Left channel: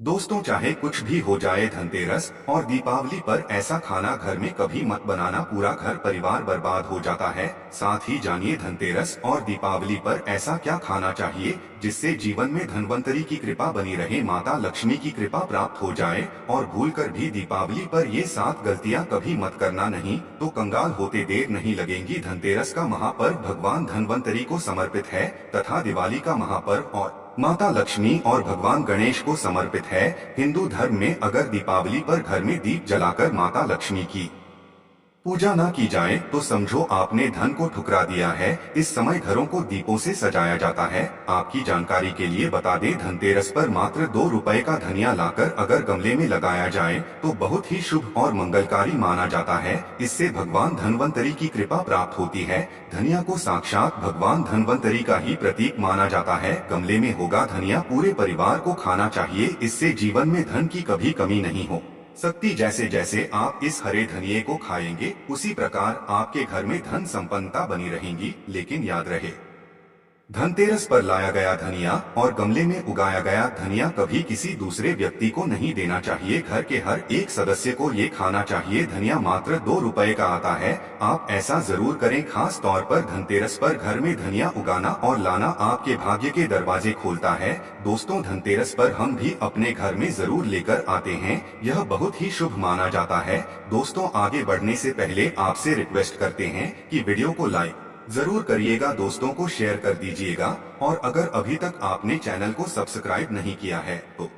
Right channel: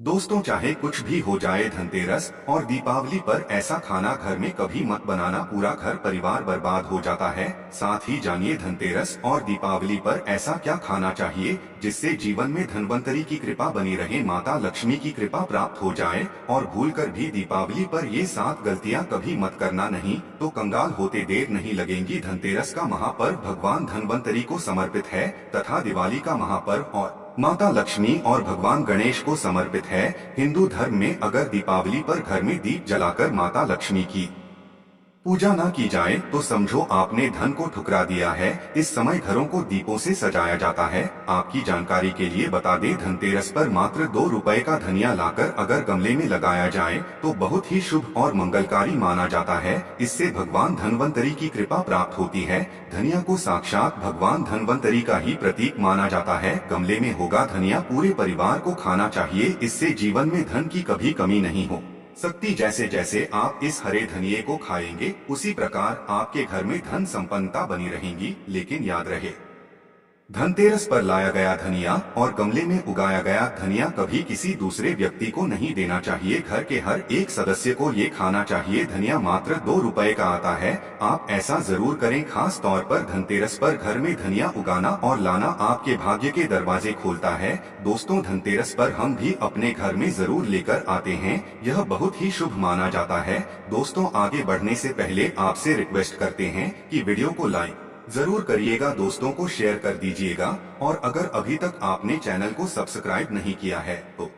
दोस्तों, चाहे कुछ भी हो जाए, धनतेरस और दीपावली पर ऐसा खाना घर में कभी मत बनाना, पूरा घर परिवार बर्बाद हो जाता है। साथ ही जानिए धनतेरस और दीपावली पर ऐसा क्या खाना चाहिए जिससे जीवन में धनवंतरी की कृपा बनी रहे, माता लक्ष्मी की कृपा प्राप्त हो जाए। और भूलकर भी दीपावली पर ये 7 गलतियां कभी मत करना, नहीं तो कंगाल होते देर नहीं लगेंगी। धनतेरस का महापर्व भगवान धनवंतरी को समर्पित है तथा दिवाली का महापर्व और माता लक्ष्मी और भगवान गणेश को समर्पित है। हिंदू धर्म में अगर दीपावली पर घर में दीप जलाकर माता लक्ष्मी की पूजा ना की जाए तो समझो आपने धन को ठुकरा दिया है। इस समय घरों को दीपों से सजाया जाता है। आपकी जानकारी के लिए बता दें, धनतेरस पर मात्र 2 रुपए का धनिया लाकर अगर गमले में लगाया जाए तो बहुत ही शुभ और मंगलकारी माना जाता है। इससे भगवान धनवंतरी की कृपा प्राप्त होती है। धनिया को साक्षात भगवान धनवंतरी का ही प्रतीक माना जाता है। गमले में होगा धनिया, पूरे परिवार को खाना चाहिए, इससे जीवन में धन की कभी कमी नहीं हो सकती। जैसे जैसे आप इस हरे धनिये को खाएंगे, उसी प्रकार आपके घर में धन संपन्नता बनी रहेंगी। लेकिन याद रहे, धनतेरस पर लाया गया धनिया और गमले में उगाया गया धनिया कभी किसी दूसरे व्यक्ति को नहीं देना चाहिए। घर के हर एक सदस्य को ये खाना चाहिए। धनिया मात्र 2 रुपए का आता है। आप ऐसा जरूर करें। खास तौर पर धनतेरस पर घर में धनिया उगाना और लाना आपके भाग्य के दरवाजे खोलता है। दोस्तों, धनतेरस पर हम भी अपने घर में जरूर लेकर आते हैं। यह बहुत ही शुभ माना जाता है। दोस्तों, आगे बढ़ने से पहले आपसे रिक्वेस्ट करते हैं कि वीडियो को लाइक जरूर करिएगा, दोस्तों को शेयर कर दीजिएगा। और अगर अभी तक आपने चैनल को सब्सक्राइब नहीं किया है तो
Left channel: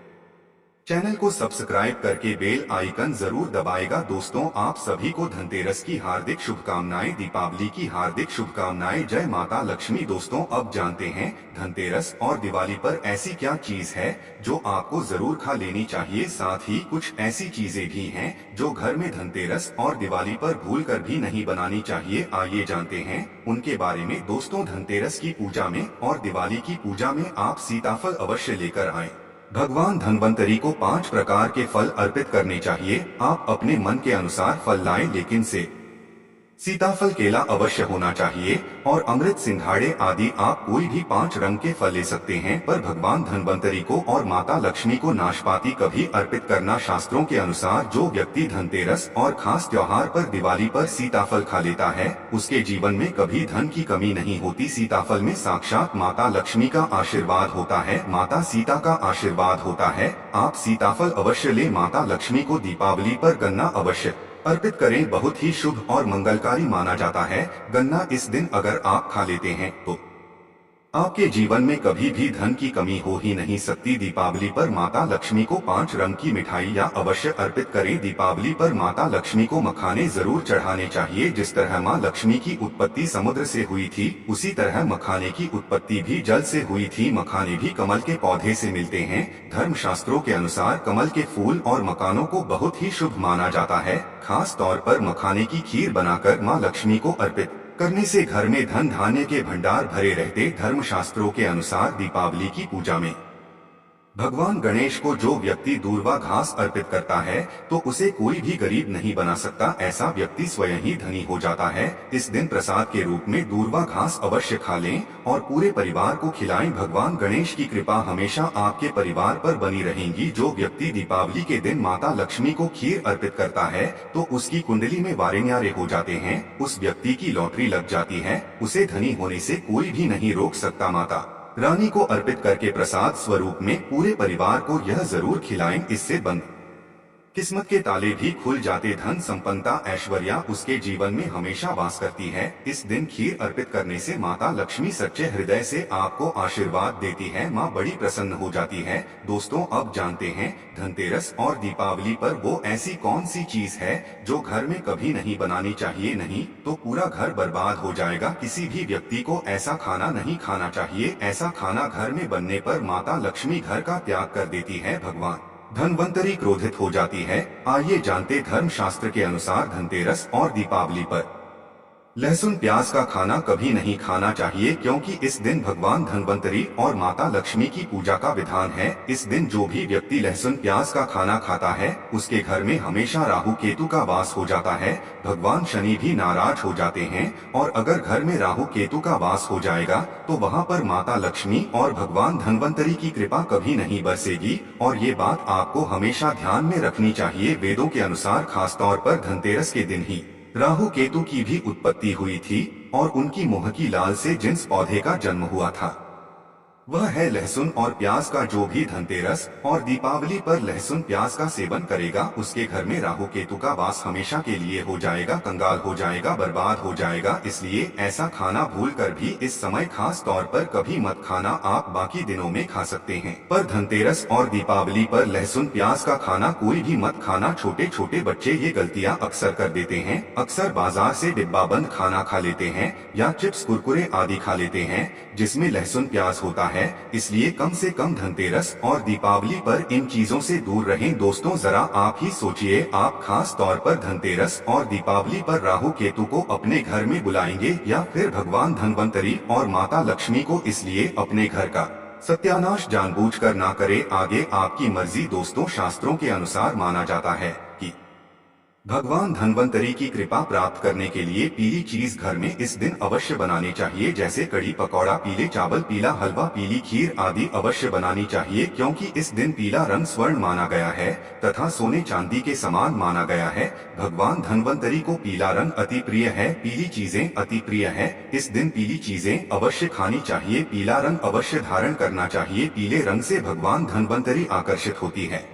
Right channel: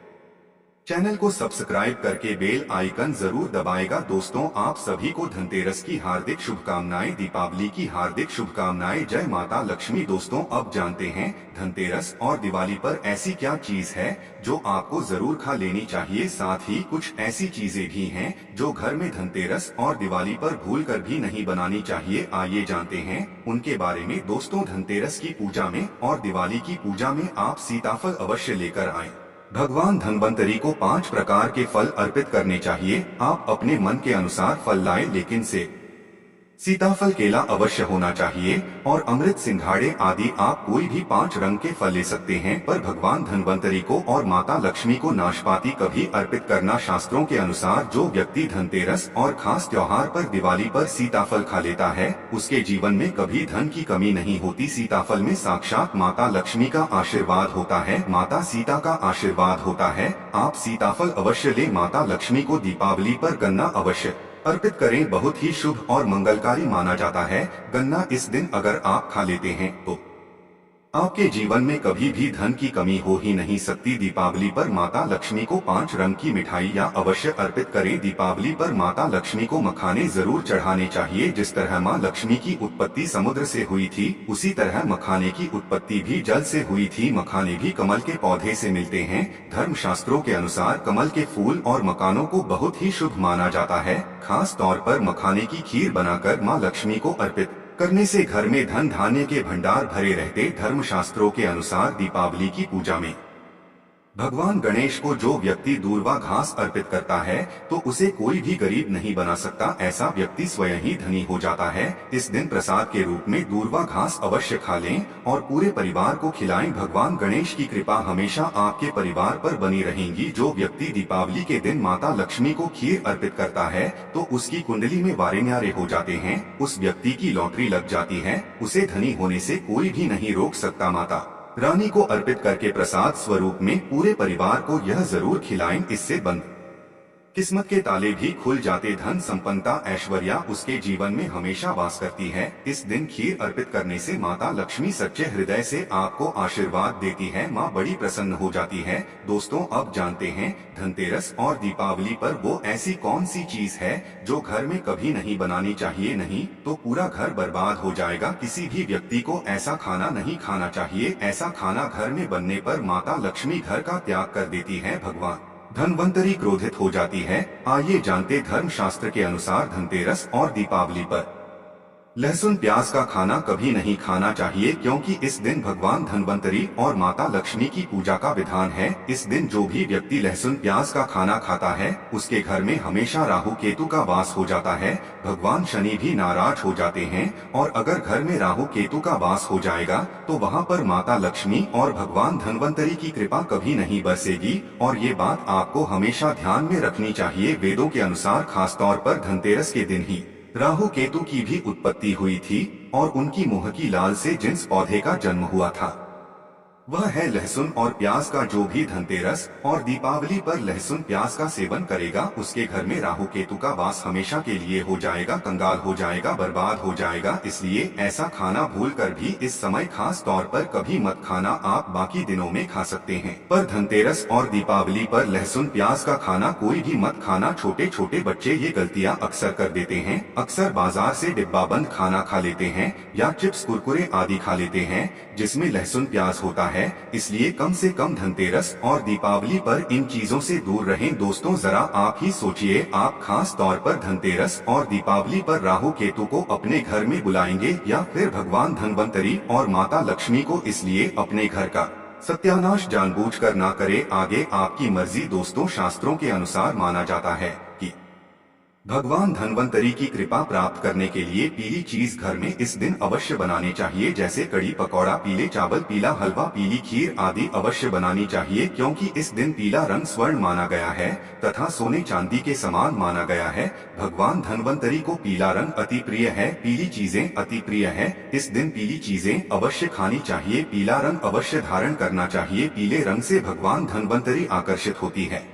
चैनल को सब्सक्राइब करके बेल आइकन जरूर दबाएगा। दोस्तों, आप सभी को धनतेरस की हार्दिक शुभकामनाएं, दीपावली की हार्दिक शुभकामनाएं। जय माता लक्ष्मी। दोस्तों, अब जानते हैं धनतेरस और दिवाली पर ऐसी क्या चीज है जो आपको जरूर खा लेनी चाहिए। साथ ही कुछ ऐसी चीजें भी हैं जो घर में धनतेरस और दिवाली पर भूलकर भी नहीं बनानी चाहिए। आइए जानते हैं उनके बारे में। दोस्तों, धनतेरस की पूजा में और दिवाली की पूजा में आप सीताफल अवश्य लेकर आएं। भगवान धनवंतरी को 5 प्रकार के फल अर्पित करने चाहिए। आप अपने मन के अनुसार फल लाएं, लेकिन सीताफल, केला अवश्य होना चाहिए और अमृत, सिंघाड़े आदि आप कोई भी 5 रंग के फल ले सकते हैं। पर भगवान धनवंतरी को और माता लक्ष्मी को नाशपाती कभी अर्पित करना। शास्त्रों के अनुसार जो व्यक्ति धनतेरस और खास त्योहार पर दिवाली पर सीताफल खा लेता है, उसके जीवन में कभी धन की कमी नहीं होती। सीताफल में साक्षात माता लक्ष्मी का आशीर्वाद होता है, माता सीता का आशीर्वाद होता है। आप सीताफल अवश्य ले। माता लक्ष्मी को दीपावली पर गन्ना अवश्य अर्पित करें, बहुत ही शुभ और मंगलकारी माना जाता है। गन्ना इस दिन अगर आप खा लेते हैं तो आपके जीवन में कभी भी धन की कमी हो ही नहीं सकती। दीपावली पर माता लक्ष्मी को 5 रंग की मिठाई या अवश्य अर्पित करें। दीपावली पर माता लक्ष्मी को मखाने जरूर चढ़ाने चाहिए। जिस तरह माँ लक्ष्मी की उत्पत्ति समुद्र से हुई थी, उसी तरह मखाने की उत्पत्ति भी जल से हुई थी। मखाने भी कमल के पौधे से मिलते हैं। धर्म शास्त्रों के अनुसार कमल के फूल और मकानों को बहुत ही शुभ माना जाता है। खास तौर पर मखाने की खीर बनाकर माँ लक्ष्मी को अर्पित करने से घर में धन धान्य के भंडार भरे रहते। धर्मशास्त्रों के अनुसार दीपावली की पूजा में भगवान गणेश को जो व्यक्ति दूर्वा घास अर्पित करता है तो उसे कोई भी गरीब नहीं बना सकता। ऐसा व्यक्ति स्वयं ही धनी हो जाता है। इस दिन प्रसाद के रूप में दूर्वा घास अवश्य खा लें और पूरे परिवार को खिलाएं। भगवान गणेश की कृपा हमेशा आपके परिवार पर बनी रहेगी। जो व्यक्ति दीपावली के दिन माता लक्ष्मी को खीर अर्पित करता है तो उसकी कुंडली में वारे न्यारे हो जाते हैं। उस व्यक्ति की लॉटरी लग जाती है। उसे धनी होने से कोई भी नहीं रोक सकता। माता रानी को अर्पित करके प्रसाद स्वरूप में पूरे परिवार को यह जरूर खिलाएं। इससे बंद किस्मत के ताले भी खुल जाते। धन संपन्नता, ऐश्वर्या उसके जीवन में हमेशा वास करती है। इस दिन खीर अर्पित करने से माता लक्ष्मी सच्चे हृदय से आपको आशीर्वाद देती है। माँ बड़ी प्रसन्न हो जाती है। दोस्तों, अब जानते हैं धनतेरस और दीपावली पर वो ऐसी कौन सी चीज है जो घर में कभी नहीं बनानी चाहिए, नहीं तो पूरा घर बर्बाद हो जाएगा। किसी भी व्यक्ति को ऐसा खाना नहीं खाना चाहिए। ऐसा खाना घर में बनने पर माता लक्ष्मी घर का त्याग कर देती है, भगवान धनवंतरी क्रोधित हो जाती है। आइए जानते धर्म शास्त्र के अनुसार धनतेरस और दीपावली पर लहसुन प्याज का खाना कभी नहीं खाना चाहिए क्योंकि इस दिन भगवान धन्वंतरी और माता लक्ष्मी की पूजा का विधान है। इस दिन जो भी व्यक्ति लहसुन प्याज का खाना खाता है उसके घर में हमेशा राहु केतु का वास हो जाता है। भगवान शनि भी नाराज हो जाते हैं और अगर घर में राहु केतु का वास हो जाएगा तो वहाँ पर माता लक्ष्मी और भगवान धन्वंतरी की कृपा कभी नहीं बरसेगी। और ये बात आपको हमेशा ध्यान में रखनी चाहिए। वेदों के अनुसार खासतौर पर धनतेरस के दिन ही राहु केतु की भी उत्पत्ति हुई थी और उनकी मोहकी लाल से जिस पौधे का जन्म हुआ था वह है लहसुन और प्याज का। जो भी धनतेरस और दीपावली पर लहसुन प्याज का सेवन करेगा उसके घर में राहु केतु का वास हमेशा के लिए हो जाएगा, कंगाल हो जाएगा, बर्बाद हो जाएगा। इसलिए ऐसा खाना भूल कर भी इस समय खास तौर पर कभी मत खाना। आप बाकी दिनों में खा सकते हैं पर धनतेरस और दीपावली पर लहसुन प्याज का खाना कोई भी मत खाना। छोटे छोटे बच्चे ये गलतियाँ अक्सर कर देते हैं। अक्सर बाजार से डिब्बा बंद खाना खा लेते हैं या चिप्स कुरकुरे आदि खा लेते हैं जिसमें लहसुन प्याज होता है। इसलिए कम से कम धनतेरस और दीपावली पर इन चीजों से दूर रहें। दोस्तों जरा आप ही सोचिए, आप खास तौर पर धनतेरस और दीपावली पर राहु केतु को अपने घर में बुलाएंगे या फिर भगवान धन्वंतरी और माता लक्ष्मी को। इसलिए अपने घर का सत्यानाश जानबूझकर ना करें, आगे आपकी मर्जी। दोस्तों शास्त्रों के अनुसार माना जाता है कि भगवान धन्वंतरी की कृपा प्राप्त करने के लिए पीली चीज घर में इस दिन अवश्य बनानी चाहिए, जैसे कड़ी पकौड़ा, पीले चावल, पीला हलवा, पीली खीर आदि अवश्य बनानी चाहिए क्योंकि इस दिन पीला रंग स्वर्ण माना गया है तथा सोने चांदी के समान माना गया है। भगवान धन्वंतरी को पीला रंग अति प्रिय है, पीली चीजें अति प्रिय है। इस दिन पीली चीजें अवश्य खानी चाहिए, पीला रंग अवश्य धारण करना चाहिए। पीले रंग से भगवान धन्वंतरी आकर्षित होती है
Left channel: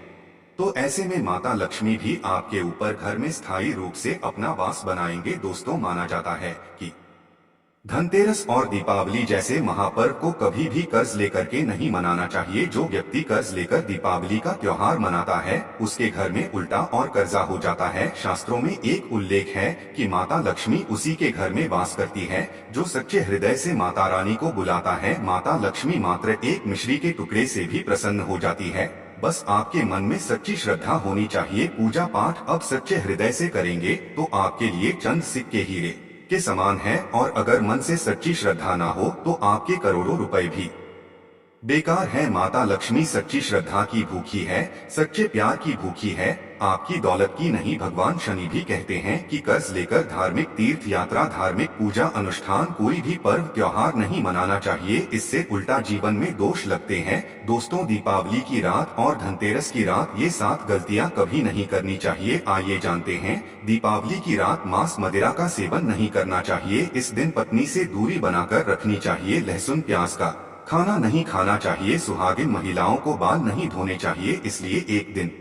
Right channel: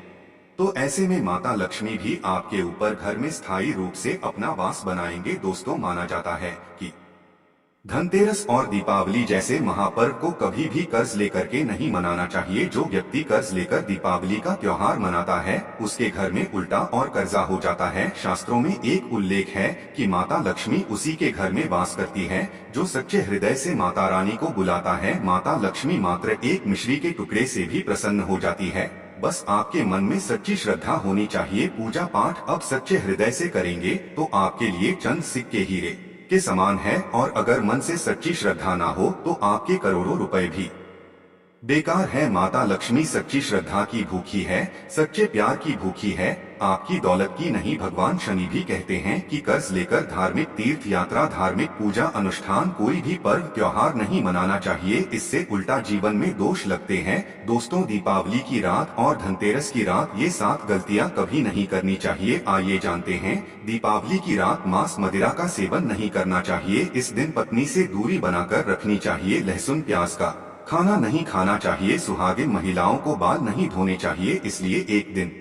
तो ऐसे में माता लक्ष्मी भी आपके ऊपर घर में स्थायी रूप से अपना वास बनाएंगे। दोस्तों माना जाता है कि धनतेरस और दीपावली जैसे महापर्व को कभी भी कर्ज लेकर के नहीं मनाना चाहिए। जो व्यक्ति कर्ज लेकर दीपावली का त्योहार मनाता है उसके घर में उल्टा और कर्जा हो जाता है। शास्त्रों में एक उल्लेख है कि माता लक्ष्मी उसी के घर में वास करती है जो सच्चे हृदय से माता रानी को बुलाता है। माता लक्ष्मी मात्र एक मिश्री के टुकड़े से भी प्रसन्न हो जाती है। बस आपके मन में सच्ची श्रद्धा होनी चाहिए। पूजा पाठ अब सच्चे हृदय से करेंगे तो आपके लिए चंद सिक्के हीरे के समान है और अगर मन से सच्ची श्रद्धा ना हो तो आपके करोड़ों रुपए भी बेकार है। माता लक्ष्मी सच्ची श्रद्धा की भूखी है, सच्चे प्यार की भूखी है, आपकी दौलत की नहीं। भगवान शनि भी कहते हैं कि कर्ज लेकर धार्मिक तीर्थ यात्रा, धार्मिक पूजा अनुष्ठान, कोई भी पर्व त्योहार नहीं मनाना चाहिए, इससे उल्टा जीवन में दोष लगते हैं। दोस्तों दीपावली की रात और धनतेरस की रात ये 7 गलतियां कभी नहीं करनी चाहिए। आइए जानते हैं। दीपावली की रात मांस मदिरा का सेवन नहीं करना चाहिए। इस दिन पत्नी से दूरी बनाकर रखनी चाहिए। लहसुन प्याज का खाना नहीं खाना चाहिए। सुहागिन महिलाओं को बाल नहीं धोने चाहिए, इसलिए एक दिन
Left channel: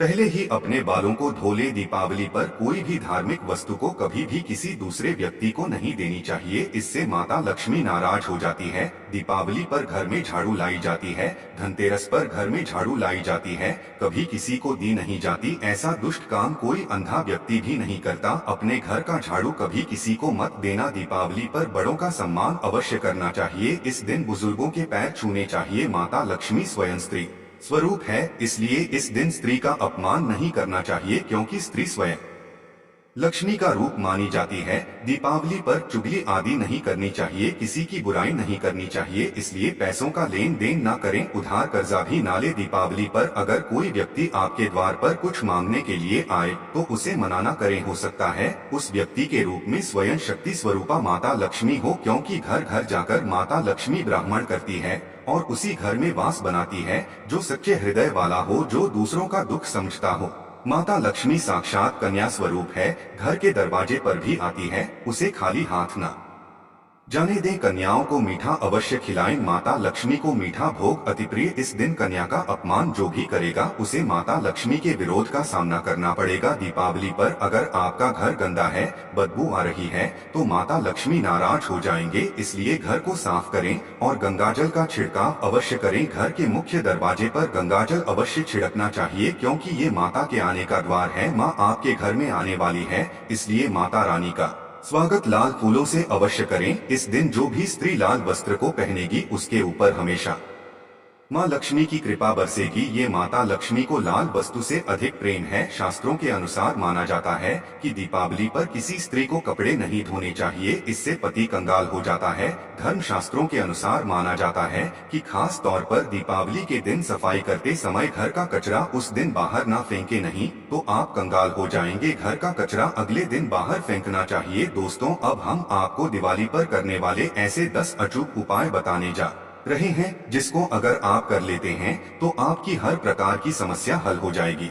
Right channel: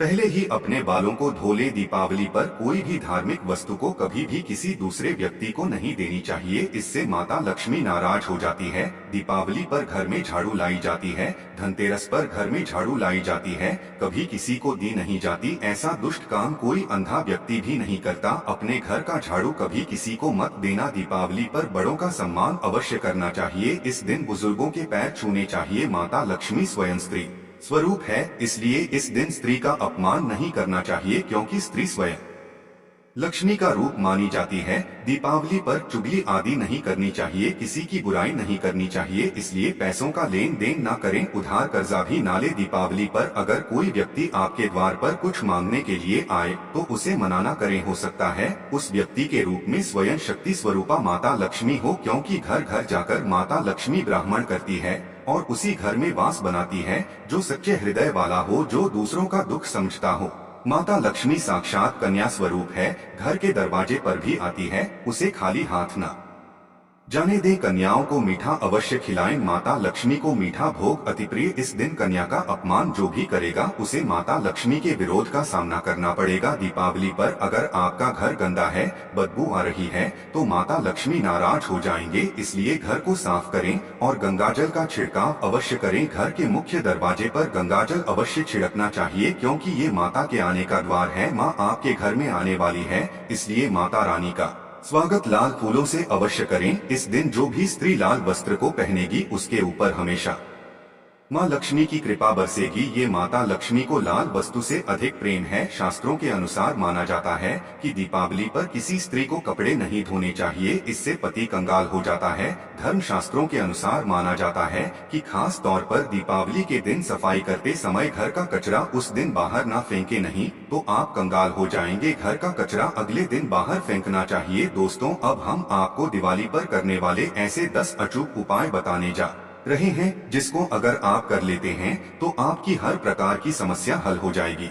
पहले ही अपने बालों को धो ले। दीपावली पर कोई भी धार्मिक वस्तु को कभी भी किसी दूसरे व्यक्ति को नहीं देनी चाहिए, इससे माता लक्ष्मी नाराज हो जाती है। दीपावली पर घर में झाड़ू लाई जाती है, धनतेरस पर घर में झाड़ू लाई जाती है, कभी किसी को दी नहीं जाती। ऐसा दुष्ट काम कोई अंधा व्यक्ति भी नहीं करता। अपने घर का झाड़ू कभी किसी को मत देना। दीपावली पर बड़ों का सम्मान अवश्य करना चाहिए। इस दिन बुजुर्गों के पैर छूने चाहिए। माता लक्ष्मी स्वयं स्त्री स्वरूप है, इसलिए इस दिन स्त्री का अपमान नहीं करना चाहिए क्योंकि स्त्री स्वयं लक्ष्मी का रूप मानी जाती है। दीपावली पर चुगली आदि नहीं करनी चाहिए, किसी की बुराई नहीं करनी चाहिए, इसलिए पैसों का लेन देन ना करें, उधार कर्जा भी ना ले। दीपावली पर अगर कोई व्यक्ति आपके द्वार पर कुछ मांगने के लिए आए तो उसे मना ना करें। हो सकता है उस व्यक्ति के रूप में स्वयं शक्ति स्वरूपा माता लक्ष्मी हो, क्योंकि घर घर जाकर माता लक्ष्मी ब्राह्मण करती है और उसी घर में वास बनाती है जो सच्चे हृदय वाला हो, जो दूसरों का दुख समझता हो। माता लक्ष्मी साक्षात कन्या स्वरूप है, घर के दरवाजे पर भी आती है, उसे खाली हाथ ना जाने दें। कन्याओं को मीठा अवश्य खिलाएं। माता लक्ष्मी को मीठा भोग अति प्रिय। इस दिन कन्या का अपमान जो भी करेगा उसे माता लक्ष्मी के विरोध का सामना करना पड़ेगा। दीपावली पर अगर आपका घर गंदा है, बदबू आ रही है तो माता लक्ष्मी नाराज हो जाएंगे, इसलिए घर को साफ करें और गंगाजल का छिड़काव अवश्य करें। घर के मुख्य दरवाजे पर गंगाजल अवश्य छिड़कना चाहिए क्योंकि ये माता के आने का द्वार है। माँ आपके घर में आने वाली है, इसलिए माता रानी का स्वागत लाल फूलों से अवश्य करें। इस दिन जो भी स्त्री लाल वस्त्र को पहनेगी उसके ऊपर हमेशा माँ लक्ष्मी की कृपा बरसेगी। ये माता लक्ष्मी को लाल वस्तु से अधिक प्रेम है। शास्त्रों के अनुसार माना जाता है कि दीपावली पर किसी स्त्री को कपड़े नहीं धोने चाहिए, इससे पति कंगाल हो जाता है। धर्म शास्त्रों के अनुसार माना जाता है कि खास तौर पर दीपावली के दिन सफाई करते समय घर का कचरा उस दिन बाहर ना फेंके, नहीं तो आप कंगाल हो जाएंगे। घर का कचरा अगले दिन बाहर फेंकना चाहिए। दोस्तों, अब हम आपको दिवाली पर करने वाले ऐसे 10 अचूक उपाय बताने जा रहे हैं, जिसको अगर आप कर लेते हैं तो आपकी हर प्रकार की समस्या हल हो जाएगी।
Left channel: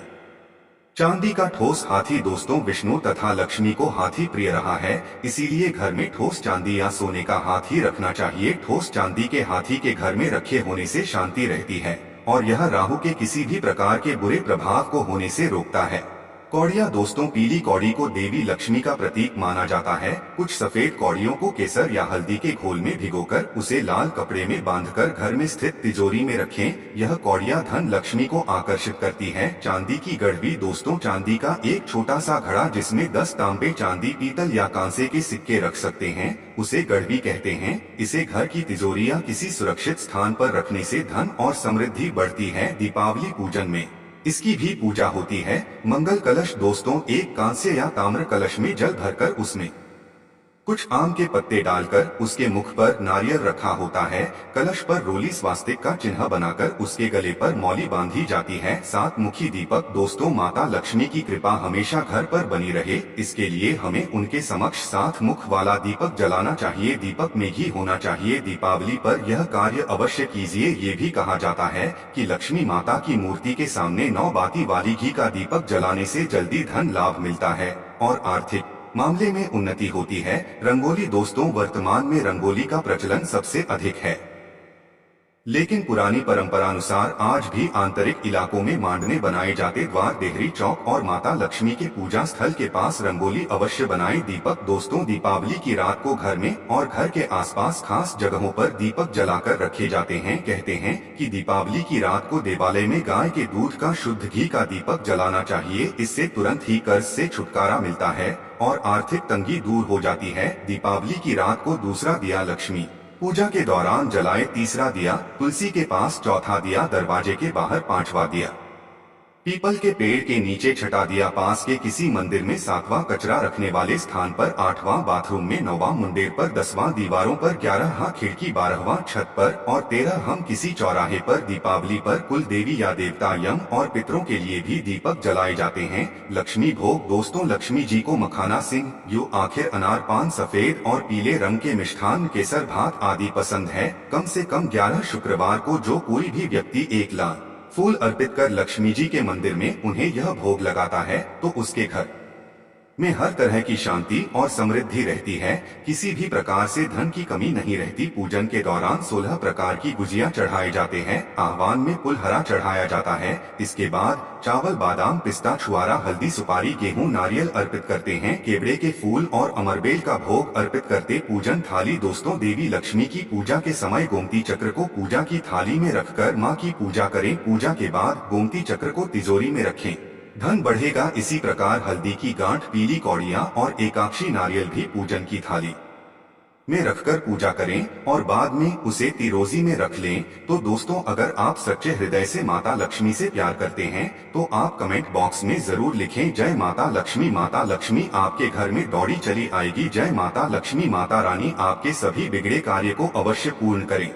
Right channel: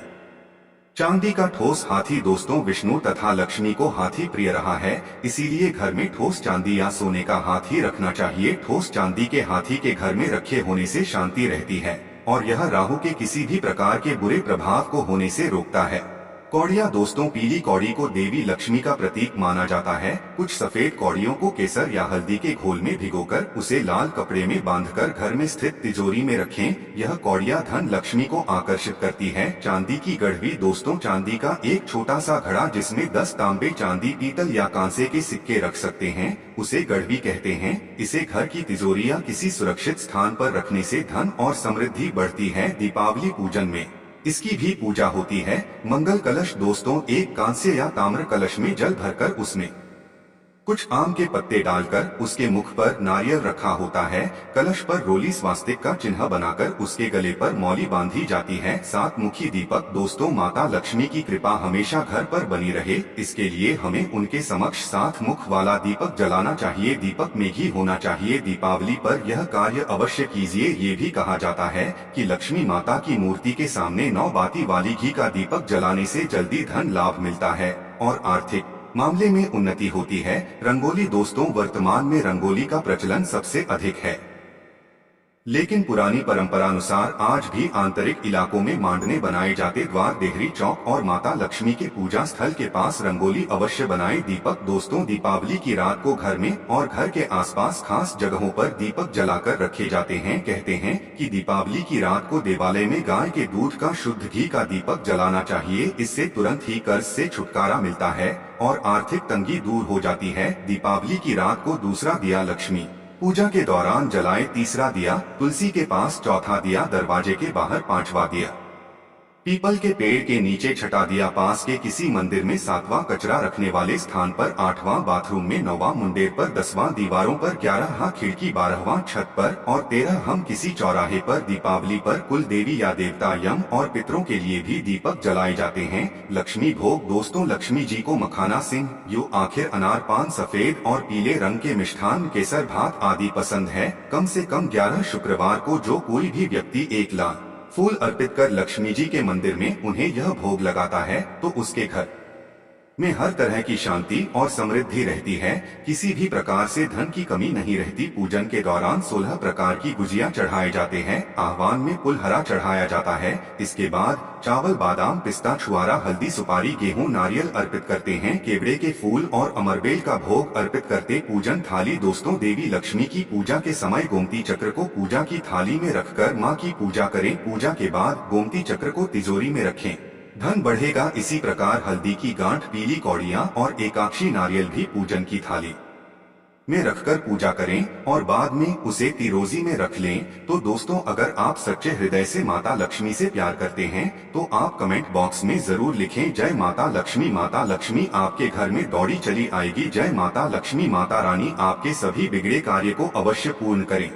चांदी का ठोस हाथी। दोस्तों, विष्णु तथा लक्ष्मी को हाथी प्रिय रहा है, इसीलिए घर में ठोस चांदी या सोने का हाथी रखना चाहिए। ठोस चांदी के हाथी के घर में रखे होने से शांति रहती है और यह राहु के किसी भी प्रकार के बुरे प्रभाव को होने से रोकता है। कौड़िया। दोस्तों, पीली कौड़ी को देवी लक्ष्मी का प्रतीक माना जाता है। कुछ सफेद कौड़ियों को केसर या हल्दी के घोल में भिगोकर उसे लाल कपड़े में बांधकर घर में स्थित तिजोरी में रखें। यह कौड़िया धन लक्ष्मी को आकर्षित करती है। चांदी की गड़वी। दोस्तों, चांदी का एक छोटा सा घड़ा जिसमें 10 तांबे, चांदी, पीतल या कांसे के सिक्के रख सकते हैं, उसे गड़वी कहते हैं। इसे घर की तिजोरी या किसी सुरक्षित स्थान पर रखने से धन और समृद्धि बढ़ती है। दीपावली पूजन में इसकी भी पूजा होती है। मंगल कलश। दोस्तों, एक कांस्य या ताम्र कलश में जल भरकर उसमें कुछ आम के पत्ते डालकर उसके मुख पर नारियल रखा होता है। कलश पर रोली स्वास्तिक का चिन्ह बनाकर उसके गले पर मौली बांधी जाती है। 7 मुखी दीपक। दोस्तों, माता लक्ष्मी की कृपा हमेशा घर पर बनी रहे, इसके लिए हमें उनके समक्ष 7 मुख वाला दीपक जलाना चाहिए। दीपक में घी होना चाहिए। दीपावली पर यह कार्य अवश्य कीजिए। ये भी कहा जाता है कि लक्ष्मी माता की मूर्ति के सामने 9 बाती वाली घी का दीपक जलाने से जल्दी धन लाभ मिलता है और आर्थिक मामले में उन्नति होती है। रंगोली। दोस्तों, वर्तमान में रंगोली का प्रचलन सबसे अधिक है, लेकिन पुरानी परंपरानुसार आज भी आंतरिक इलाकों में मांडने बनाए जाते। द्वार, देहरी, चौक और माता लक्ष्मी के पूजा स्थल के पास रंगोली अवश्य बनाएं। दीपक। दोस्तों, दीपावली की रात को घर में और घर के आसपास खास जगहों पर दीपक जलाकर रखे जाते हैं। कहते हैं कि दीपावली की रात को देवालय में गाय के दूध का शुद्ध घी का दीपक जलाना चाहिए। इससे तुरंत ही कर्ज से छुटकारा मिलता है और आर्थिक तंगी दूर हो जाती है। दीपावली की रात को दूसरा दिया लक्ष्मी पूजा के दौरान जलाए। तीसरा दिया तुलसी के पास, चौथा दिया दरवाजे के बाहर, 5वां दिया पीपल के पेड़ के नीचे, छठा दिया पास के किसी मंदिर में, 7वां कचरा रखने वाले स्थान पर, 8वां बाथरूम में, 9वां मुंडेर पर, 10वां दीवारों पर, 11वां खिड़की, 12वां छत पर और 13 हम किसी चौराहे पर। दीपावली पर कुल देवी या देवता, यम और पितरों के लिए भी दीपक जलाए जाते हैं। लक्ष्मी भोग। दोस्तों, लक्ष्मी जी को मखाना, सिंह, यू, आखिर, अनार, पान, सफेद और पीले रंग के मिष्ठान, केसर, भात आदि पसंद है। कम से कम 11 शुक्रवार को जो कोई भी व्यक्ति 1 लाख फूल अर्पित कर लक्ष्मी जी के मंदिर में उन्हें यह भोग लगाता है तो उसके घर में हर तरह की शांति और समृद्धि रहती है। किसी भी प्रकार से धन की कमी नहीं रहती। पूजन के दौरान 16 प्रकार की गुजिया चढ़ाए जाते हैं। आह्वान में पुलहरा चढ़ाया जाता है। इसके बाद चावल, बादाम, पिस्ता, छुआरा, हल्दी, सुपारी, गेहूं, नारियल अर्पित करते हैं। केवड़े के फूल और अमरबेल का भोग अर्पित करते। पूजन थाली। दोस्तों, देवी लक्ष्मी की पूजा के समय गोमती चक्र को पूजा की थाली में रखकर मां की पूजा करें। पूजा के बाद गोमती चक्र को तिजोरी में रखें, धन बढ़ेगा। इसी प्रकार हल्दी की गांठ, पीली कौड़ियां और एकाक्षी नारियल भी पूजन की थाली में रखकर पूजा करें और बाद में उसे तिरोजी में रख लें। तो दोस्तों, अगर आप सच्चे हृदय से माता लक्ष्मी से प्यार करते हैं तो आप कमेंट बॉक्स में जरूर लिखें, जय माता लक्ष्मी। माता लक्ष्मी आपके घर में दौड़ी चली आएगी। जय माता लक्ष्मी। माता रानी आपके सभी बिगड़े कार्य को अवश्य पूर्ण करें।